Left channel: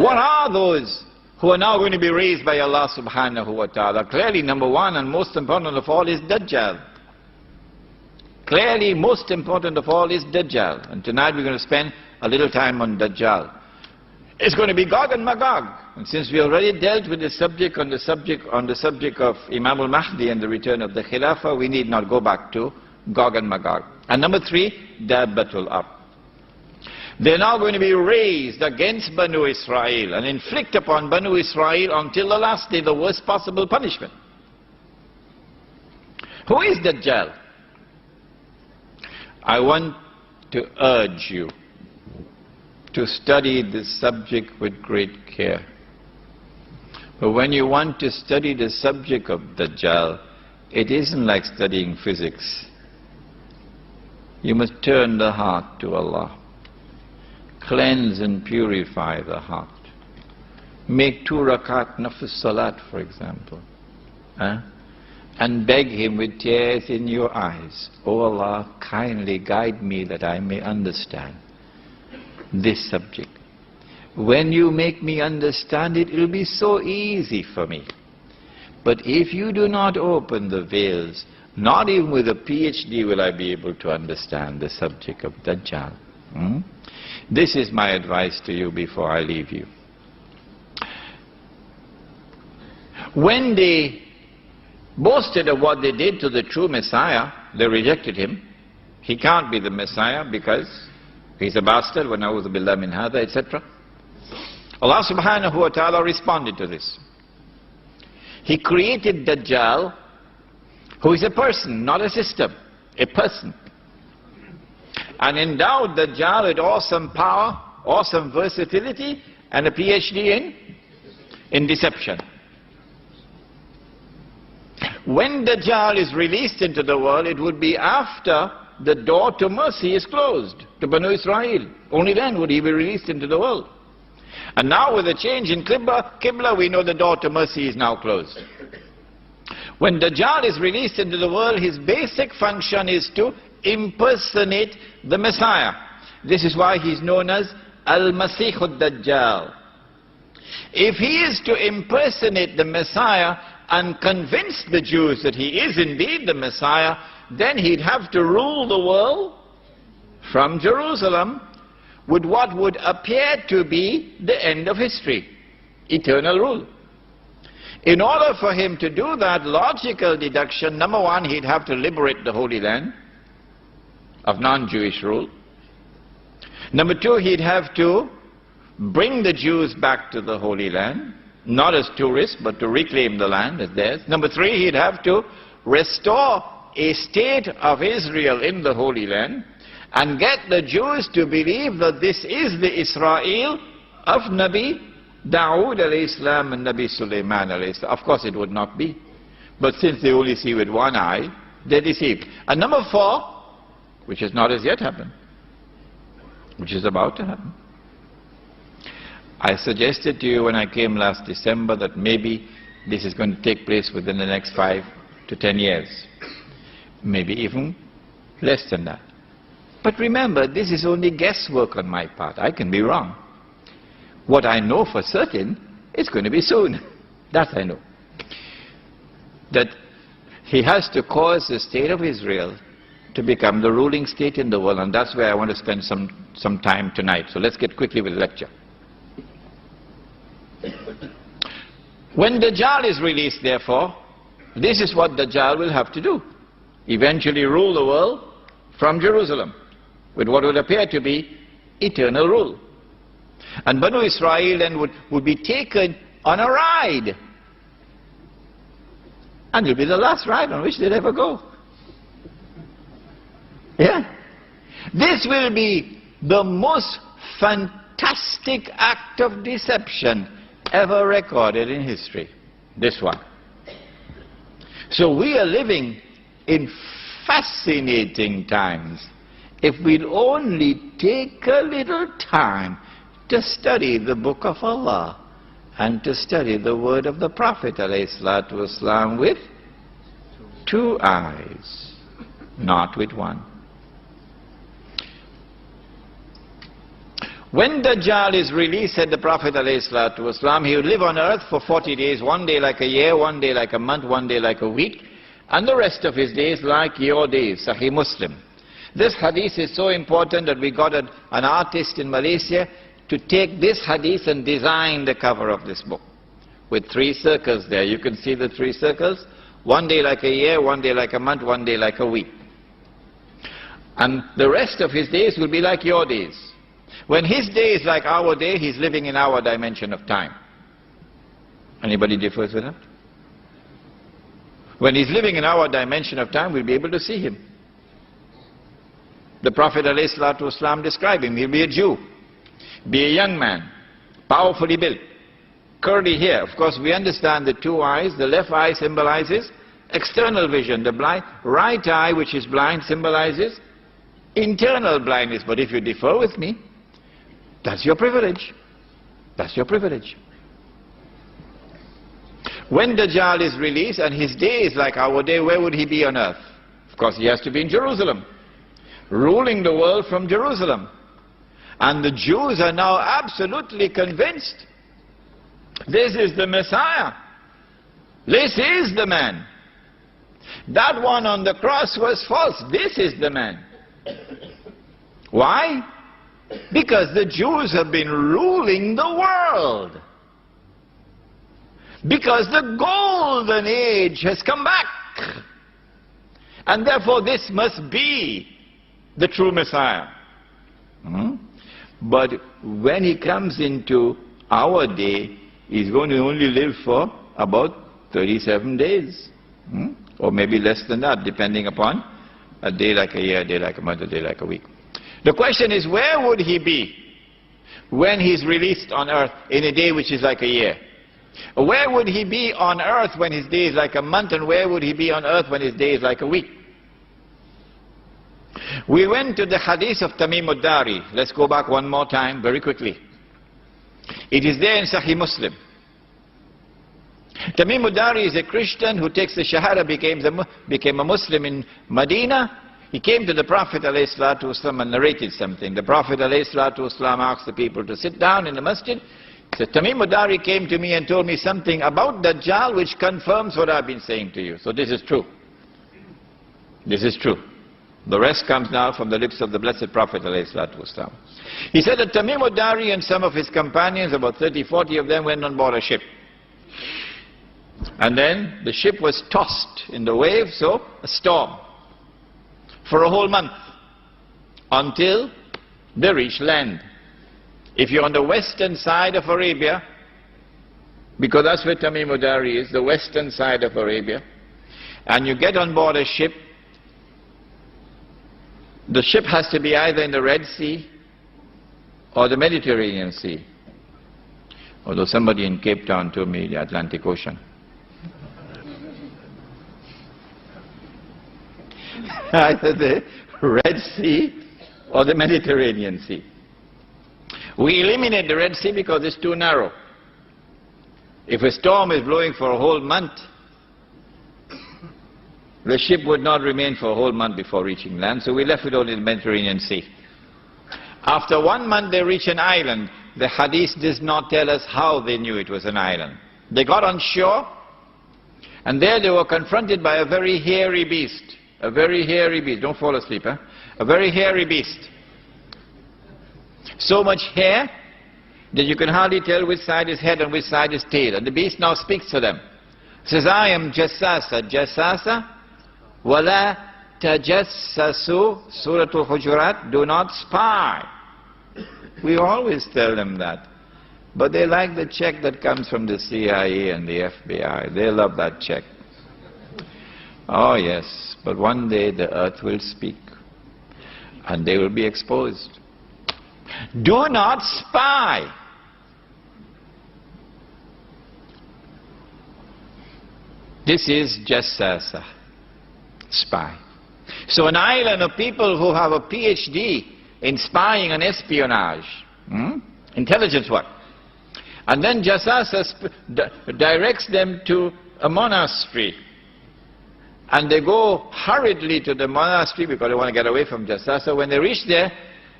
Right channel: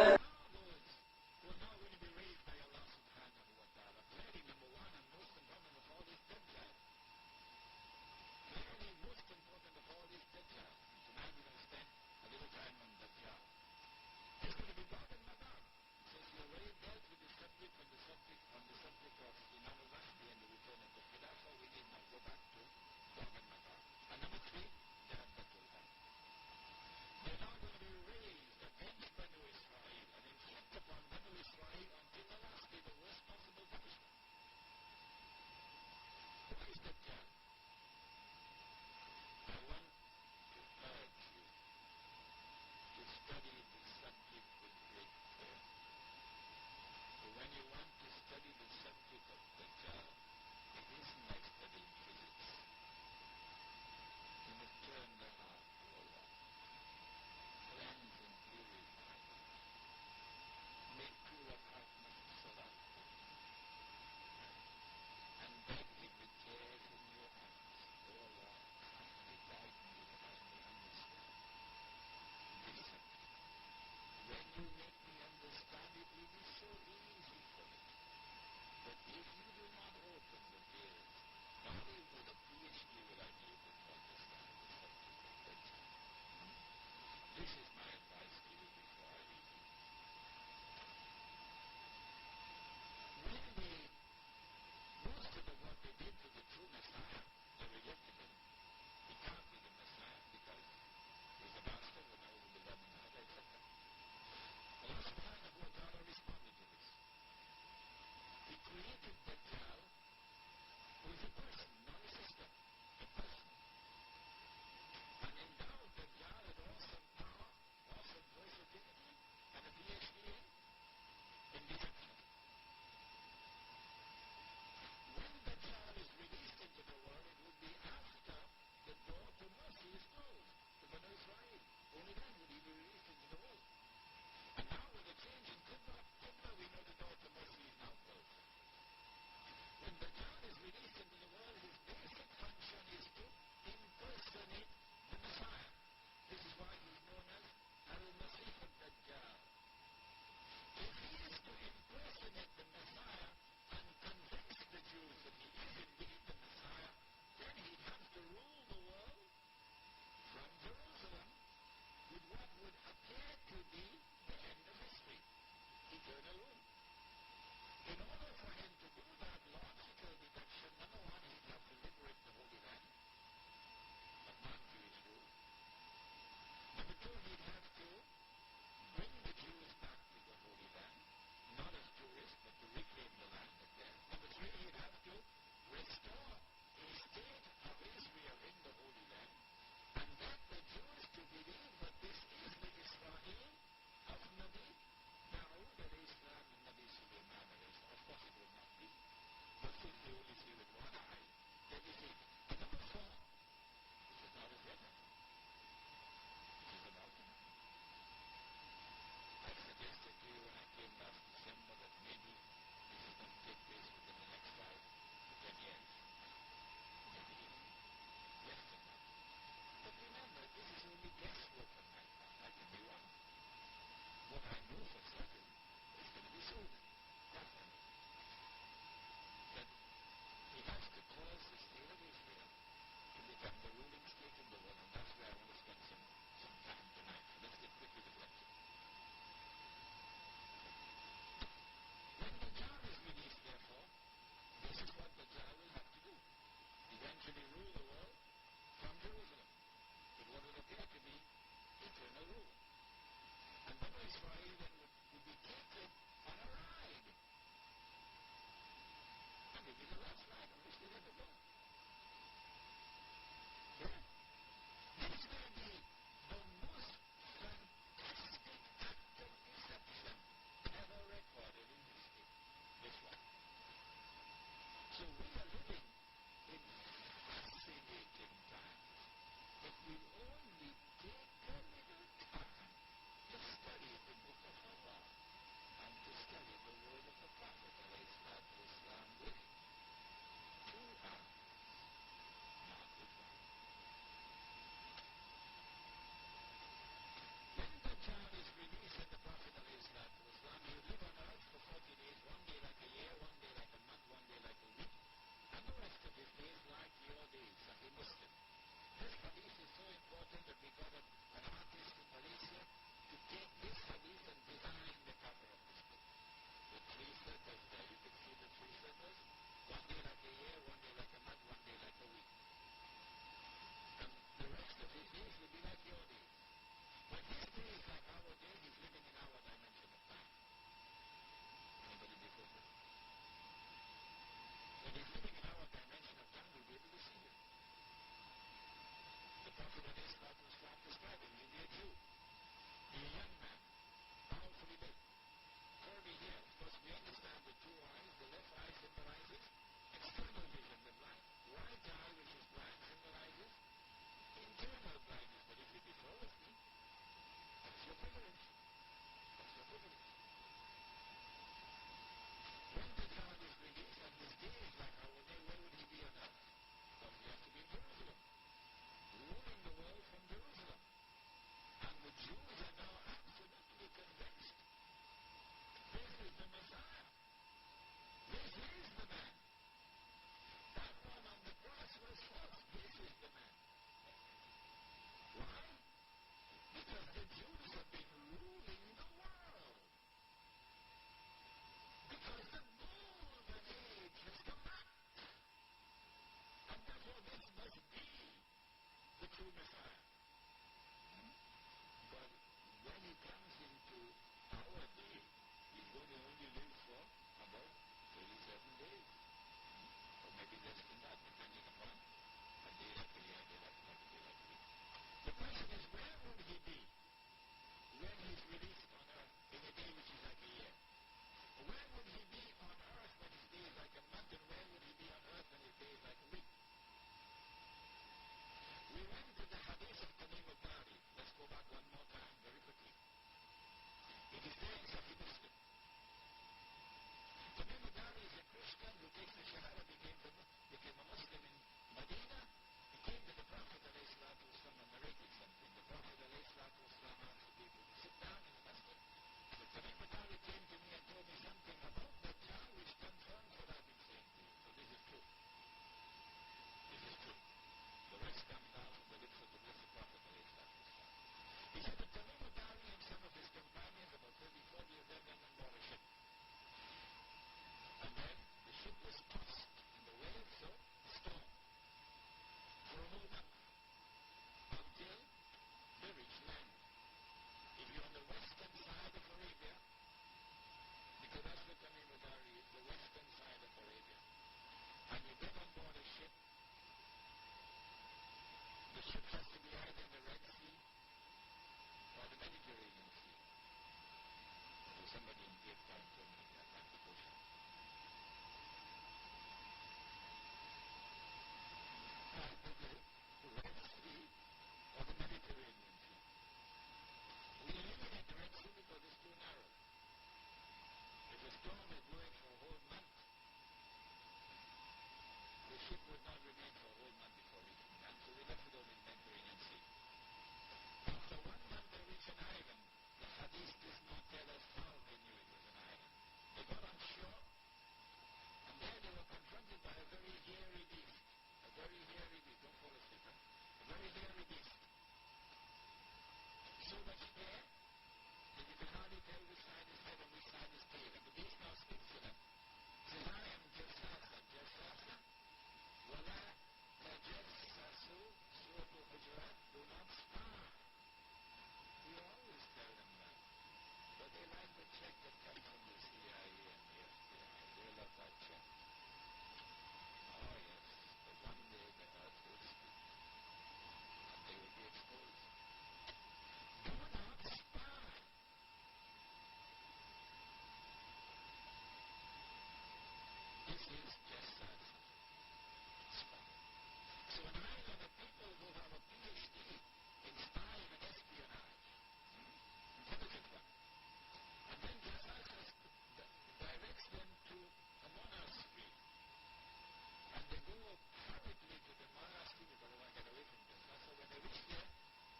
What are those who are now going to be raised by Allah subhanahu wa ta'ala? Clearly, number one and most important of all is Dajjal. Clearly, most important of all is Dajjal. And tonight we're going to spend a little time on Dajjal. It's going to be Gog and Magog. And since we already dealt with the subject on the subject of Imam al-Mahdi and the return of the Khilafah, we need not go back to Gog and Magog. And number three, Dabbatul Ard. They're now going to be raised against Banu Israel and inflict upon Banu Israel until the last day the worst possible punishment. Who is Dajjal? I want to urge you to study this subject with great care. But when you want to study the subject of Dajjal, it isn't like studying physics. You must turn the heart to Allah. Cleanse and purify the heart. Make 2 rakat nafs salat, for example. And beg Him with tears in your eyes, "Oh Allah, kindly guide me that I may understand this subject. When you make me understand it, it will be so easy for me. But if you do not open the veils, not even with a PhD will I be able to understand the subject of Dajjal." This is my advice to you before I leave you. When they boasted of what they did to the true Messiah, they rejected him. He can't be the Messiah because he's a bastard, wa na'udhu billah min hadha, etc. Allah subhanahu wa ta'ala responded to this. He created Dajjal, who is a person, not a system, a person. And endowed Dajjal with awesome power, awesome versatility, and a PhD in deception. When Dajjal is released into the world, it would be after the door to mercy is closed to Banu Israel. Only then would he be released into the world. And now with a change in Qibla, we know the door to mercy is now closed. When Dajjal is released into the world, his basic function is to impersonate the Messiah. This is why he's known as Al-Masih-ud-Dajjal. If he is to impersonate the Messiah and convince the Jews that he is indeed the Messiah, then he'd have to rule the world from Jerusalem with what would appear to be the end of history, eternal rule. In order for him to do that, logical deduction, number one, he'd have to liberate the Holy Land of non-Jewish rule. Number two, he'd have to bring the Jews back to the Holy Land, not as tourists, but to reclaim the land as theirs. Number three, he'd have to restore a state of Israel in the Holy Land and get the Jews to believe that this is the Israel of Nabi Dawood alayhi salam and Nabi Sulaiman alayhi salam. Of course it would not be. But since they only see with one eye, they're deceived. And number four, which has not as yet happened, which is about to happen. I suggested to you when I came last December that maybe this is going to take place within the next 5 to 10 years. Maybe even less than that. But remember, this is only guesswork on my part. I can be wrong. What I know for certain, it's going to be soon. That I know. That he has to cause the state of Israel to become the ruling state in the world, and that's where I want to spend some time tonight. So let's get quickly with the lecture. When Dajjal is released, therefore, this is what Dajjal will have to do. Eventually rule the world from Jerusalem with what would appear to be eternal rule. And Banu Israel then would be taken on a ride. And it will be the last ride on which they'll ever go. Yeah? This will be the most fantastic act of deception ever recorded in history. This one. So we are living in fascinating times if we'll only take a little time to study the book of Allah and to study the word of the Prophet ﷺ with 2 eyes, not with one. When Dajjal is released, said the Prophet ﷺ, he will live on earth for 40 days, one day like a year, one day like a month, one day like a week, and the rest of his days like your days. Sahih Muslim. This hadith is so important that we got an artist in Malaysia to take this hadith and design the cover of this book. With 3 circles there. You can see the 3 circles. One day like a year, one day like a month, one day like a week. And the rest of his days will be like your days. When his day is like our day, he's living in our dimension of time. Anybody differs with that? When he's living in our dimension of time, we'll be able to see him. The Prophet ﷺ described him. He'll be a Jew, be a young man, powerfully built, curly hair. Of course, we understand the 2 eyes. The left eye symbolizes external vision. The right eye, which is blind, symbolizes internal blindness. But if you differ with me, that's your privilege. That's your privilege. When Dajjal is released and his day is like our day, where would he be on earth? Of course, he has to be in Jerusalem, ruling the world from Jerusalem. And the Jews are now absolutely convinced this is the Messiah. This is the man. That one on the cross was false. This is the man. Why? Because the Jews have been ruling the world. Because the golden age has come back. And therefore this must be the true Messiah. But when he comes into our day, he's going to only live for about 37 days. Or maybe less than that, depending upon a day like a year, a day like a month, a day like a week. The question is, where would he be when he's released on earth in a day which is like a year? Where would he be on earth when his day is like a month, and where would he be on earth when his day is like a week? We went to the hadith of Tamim ad-Dari. Let's go back one more time very quickly. It is there in Sahih Muslim. Tamim ad-Dari is a Christian who takes the Shahada, became a Muslim in Medina. He came to the Prophet ﷺ and narrated something. The Prophet ﷺ asked the people to sit down in the masjid. He said, Tamim ad-Dari came to me and told me something about Dajjal which confirms what I've been saying to you. So this is true. This is true. The rest comes now from the lips of the Blessed Prophet ﷺ. He said that Tamim ad-Dari and some of his companions, about 30, 40 of them, went on board a ship. And then the ship was tossed in the waves, so a storm, for a whole month, until they reached land. If you're on the western side of Arabia, because that's where Tamim ad-Dari is, the western side of Arabia, and you get on board a ship, the ship has to be either in the Red Sea or the Mediterranean Sea. Although somebody in Cape Town told me the Atlantic Ocean. Either the Red Sea or the Mediterranean Sea. We eliminate the Red Sea because it's too narrow. If a storm is blowing for a whole month, the ship would not remain for a whole month before reaching land, so we left it only in the Mediterranean Sea. After 1 month they reach an island. The hadith does not tell us how they knew it was an island. They got on shore, and there they were confronted by a very hairy beast. A very hairy beast. Don't fall asleep, huh? A very hairy beast. So much hair that you can hardly tell which side is head and which side is tail. And the beast now speaks to them. Says, I am Jassasa. Jassasa. Wala tajassasu. Surah Al-Hujurat. Do not spy. We always tell them that. But they like the check that comes from the CIA and the FBI. They love that check. Oh yes, but one day the earth will speak and they will be exposed. Do not spy. This is Jassasa, spy. So an island of people who have a PhD in spying and espionage, intelligence work. And then Jassasa directs them to a monastery. And they go hurriedly to the monastery because they want to get away from Jassasa. When they reach there,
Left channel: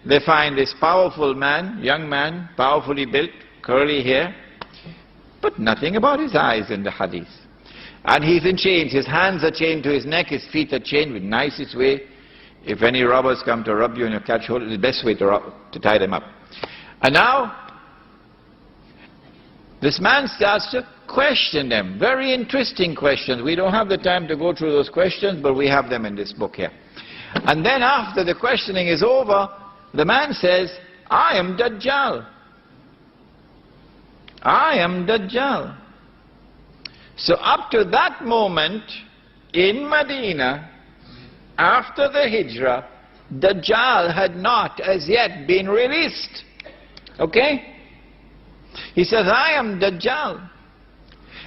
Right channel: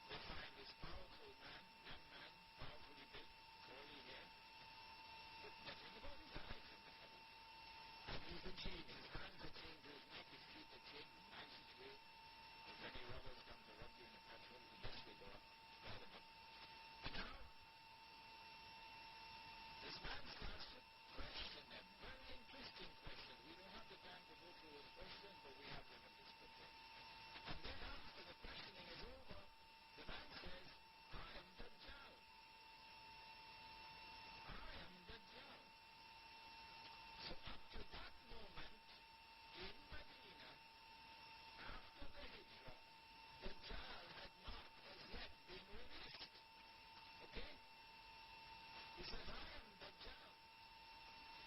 they find this powerful man, young man, powerfully built, curly hair, but nothing about his eyes in the hadith. And he's in chains, his hands are chained to his neck, his feet are chained with nicest way. If any robbers come to rob you and you catch hold, it's the best way to tie them up. And now, this man starts to question them. Very interesting questions. We don't have the time to go through those questions, but we have them in this book here. And then after the questioning is over, the man says, I am Dajjal. I am Dajjal. So up to that moment, in Medina, after the Hijrah, Dajjal had not as yet been released. Okay? He says, I am Dajjal.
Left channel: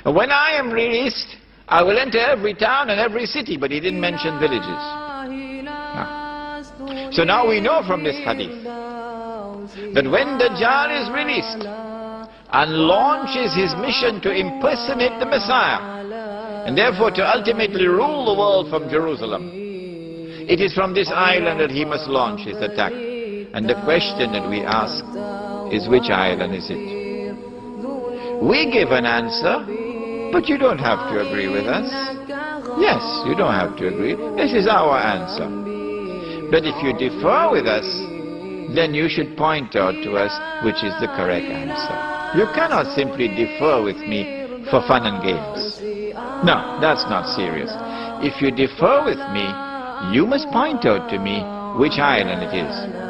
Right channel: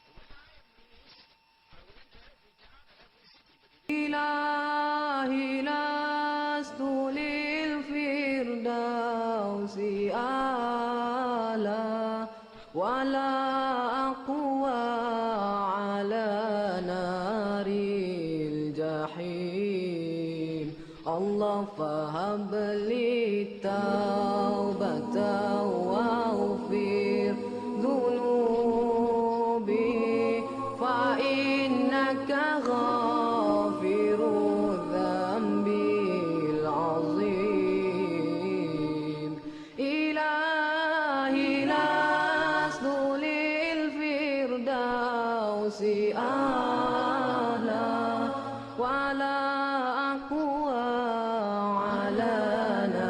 And when I am released, I will enter every town and every city. But he didn't mention villages. No. So now we know from this hadith that when Dajjal is released and launches his mission to impersonate the Messiah, and therefore to ultimately rule the world from Jerusalem, it is from this island that he must launch his attack. And the question that we ask is, which island is it? We give an answer, but you don't have to agree with us. Yes, you don't have to agree. This is our answer. But if you differ with us, then you should point out to us which is the correct answer. You cannot simply differ with me for fun and games. No, that's not serious. If you differ with me, you must point out to me which island it is.